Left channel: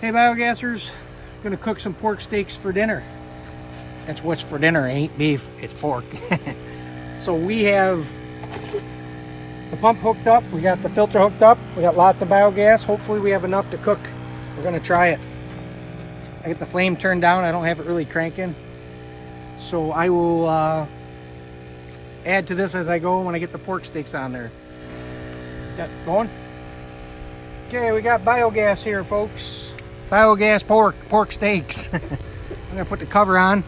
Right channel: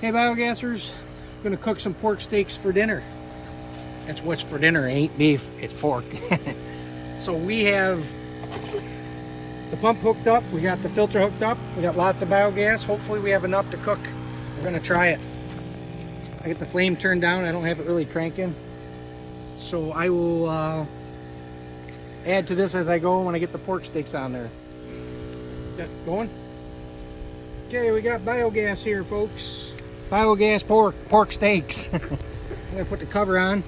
Hey biogassers, gonna cook some pork steaks for dinner. That's what's for dinner, ain't beef, it's pork. So we have the pump hooked up, we got the filter hooked up, we got lots of biogas. Hopefully we have enough to cook. We're gonna try it. I got the flame turned down, I don't have it really cranking. So I will add to this as I go when I get the pork steaks on there. Got it going? Okay, we got biogas here, folks. Biogas pork steaks. I'm gonna put the cover on.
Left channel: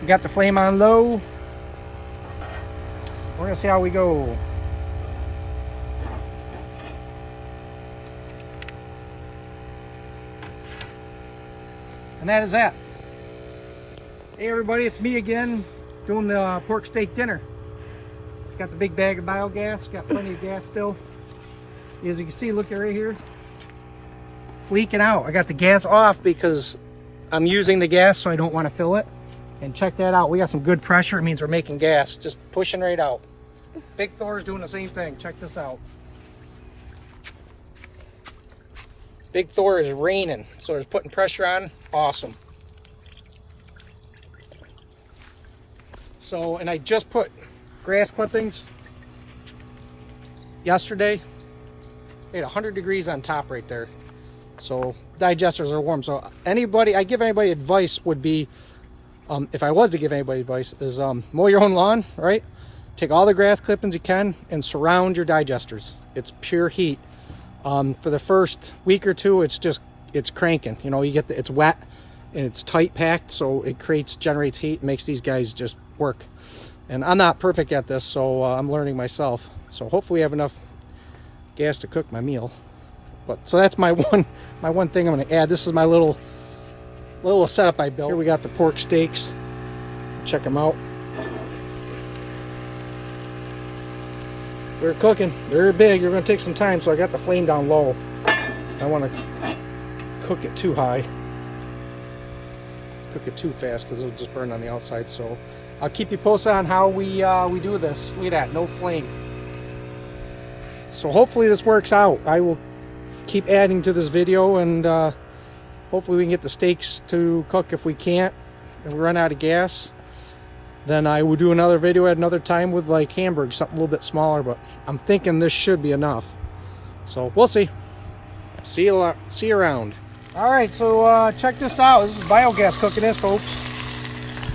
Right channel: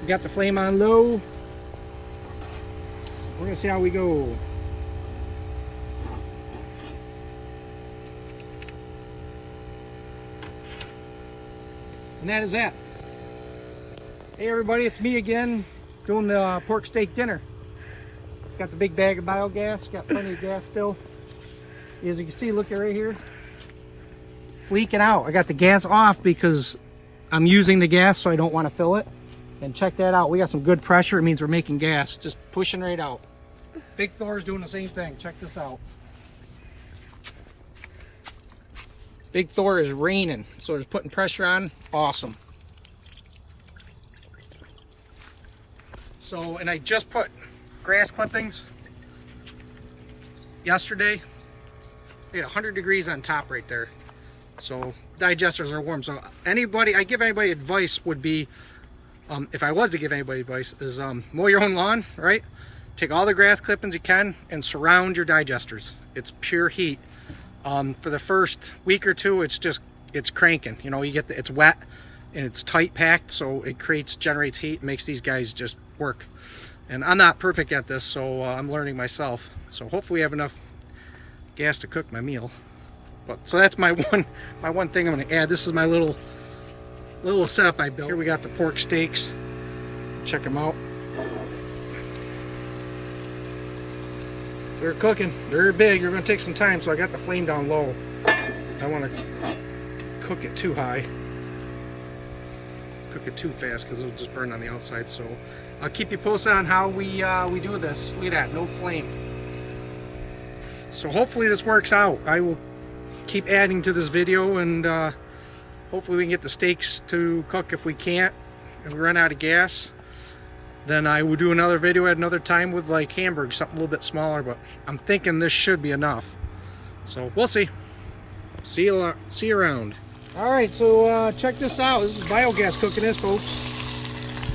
We got the flame on low. We're gonna see how we go. And that is that. Hey everybody, it's me again doing the pork steak dinner. Got the big bag of biogas, got plenty of gas still. As you can see, look right here. It's leaking out. I got the gas off because I'm using the gas so I don't want to fill it. And check that out. We got some good pressure. It means we're making gas. Just pushing right out. Big Thor's doing the same thing. Check this out. Big Thor is raining. So it's putting pressure on. Awesome. So, and I just put grass clippings yesterday. They had 100 degrees on top right there. So digesters are warm. So anybody, I give anybody advice would be, if I was to give anybody advice, is mow your own lawn, right? Take all the grass clippings you can and surround your digesters. It's pure heat. For the first week or two, it's cranking. You know, you get it's wet and it's tight packed, so it generates heat, makes these guys just work. And I'm not perfect at this, so I'm learning myself. So hopefully we have enough gas to cook my meal. But so that's my one thing I'm going to add. This is my little setup I built. Here we got the pork steaks. Check them out. They're cooking. They're big. They're going to take some time, so I got the flame down low. I don't want to cook it too high. Cook it too fast because it'll just burn on the outside. So I'll keep you posted on how we do this. Look at that, no flame. So hopefully this works out. I will keep adding to this video, and hopefully we can get the steaks to cook. If we can't and we run out of gas, then I will do another video at another time with like hamburgers, something a little bit smaller, but I'm thinking this should be enough. So we'll see. See you around. All right, so check this out. This is biogas cooking this, folks.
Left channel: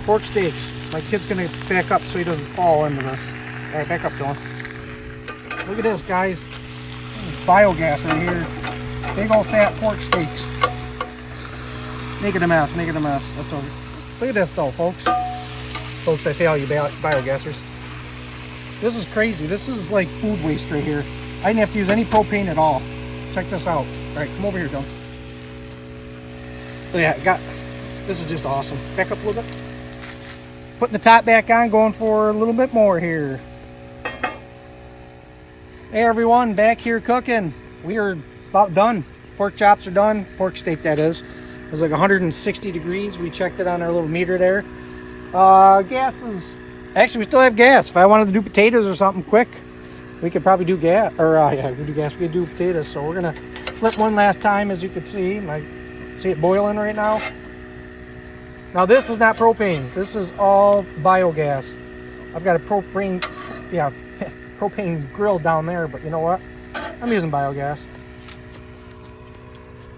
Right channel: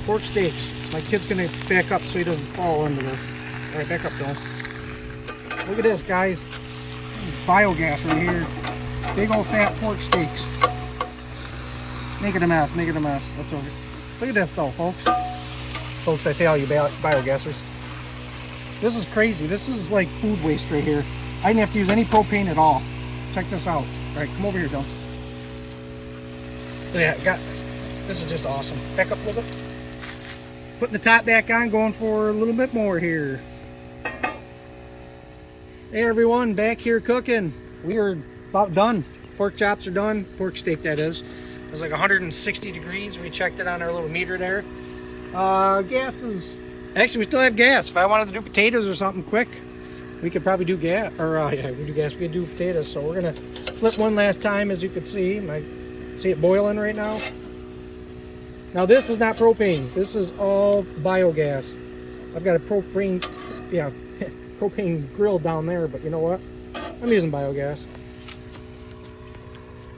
Pork steaks. My kid's gonna back up so he doesn't fall into this. All right, back up, John. Look at this, guys. Biogas right here. Big old fat pork steaks. Making a mess, making a mess. Look at this though, folks. Folks, I say all you biogassers. This is crazy. This is like food waste right here. I didn't have to use any propane at all. Check this out. All right, come over here, John. Yeah, this is just awesome. Back up a little bit. Putting the top back on, going for a little bit more here. Hey everyone, back here cooking. We are about done. Pork chops are done. Pork steak, that is. It was like 160 degrees. We checked it on our little meter there. Gas is... Actually, we still have gas. If I wanted to do potatoes or something quick, we could probably do gas. Or, yeah, we could do gas. We could do potatoes. So we're going to flip one last time, as you can see. I see it boiling right now. Now, this is not propane. This is all biogas. I've got a propane grill down there, but you know what? I'm using biogas.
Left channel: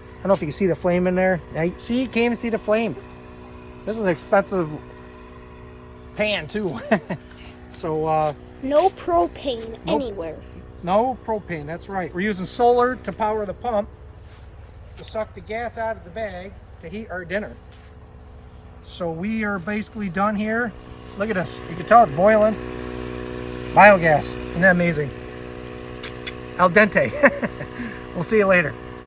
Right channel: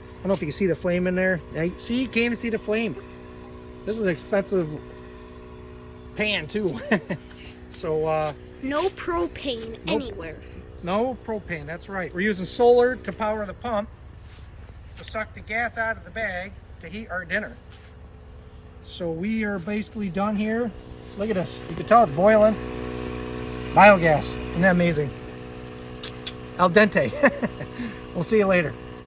I don't know if you can see the flame in there. Yeah, see, you can't even see the flame. This is an expensive pan too. So no propane anywhere. No propane, that's right. We're using solar to power the pump to suck the gas out of the bag to heat our dinner. So we are basically done here. Look at this. You can tell it's boiling. Biogas. Isn't that amazing? Al dente. We'll see you later.